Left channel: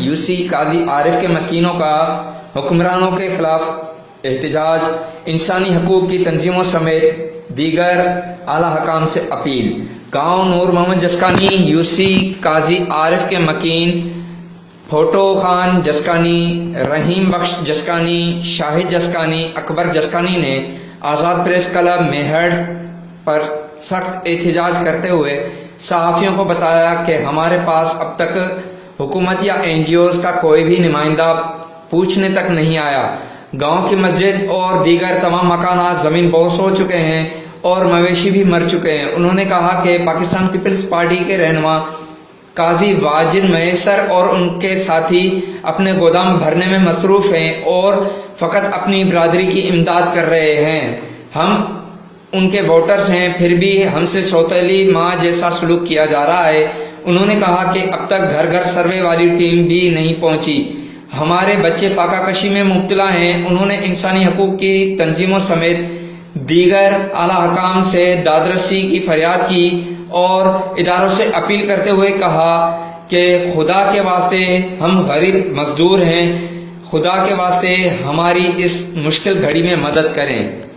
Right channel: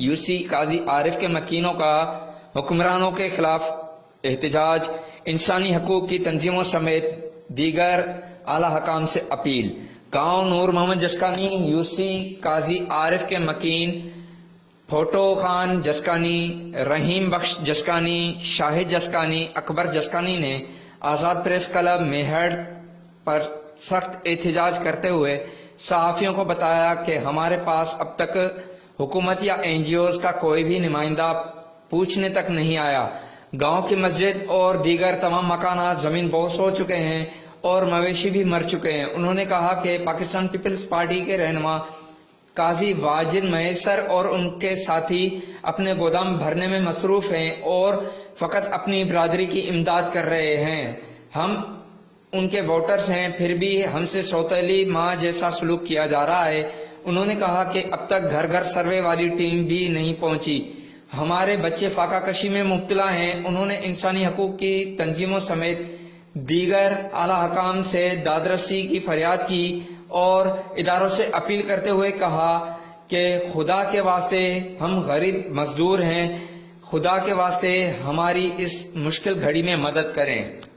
UC काजी आरिफ के मकीनों का हुक्मरानों के खिलाफ एहतजाज, इंसानी हकूक की तंजीमों समेत दीगर आला हकाम से अपील। गांव नूर मोहम्मद जसकानी यूसी काजी आरिफ के मकीन फोटो खान जसकानी, रहीम बख्श जसकानी, शाहिद जसकानी, अकबर जसकानी ने आज़ाद प्रेस क्लब मेहड़ पर सख्त एहतजाज करते हुए सहाफ़ियों को बताया कि हमारे पास अब तक हुकूमत या एनजीओज़ का कोई भी नुमाइंदा पूछने तक नहीं आया। गांव की मस्जिद और दीगर तमाम मकानात ज़मीन बोस हो चुके हैं और मवेशी भी मर चुके हैं। उन्होंने कहा कि पाकिस्तान पीपल्स पार्टी के रहनुमा काजी वाजिद मैसर और उनके साथी अपने गोदाम भरने में मसरूफ हैं और फकत अपनी बिरादरी की इमदाद कर रहे हैं। हम उनके वोटर्स हैं, फिर भी हमसे सौतेली माँ जैसा सलूक किया जा रहा है। उन्होंने कहा कि अब तक घर घर सर्वे वाली टीम भी नहीं पहुंची। हमारे बच्चे फाका कशी में मुब्तला हैं। उन्होंने इंसानी हकूक की तंजीमों समेत दीगर आला हकाम से दादरसी की फरियाद की और इदारों से अपील करते हुए कहा कि खुदा के वास्ते हम गरीब मजदूर हैं, खुदा के वास्ते हमारी इस मुश्किल घड़ी में मदद करें।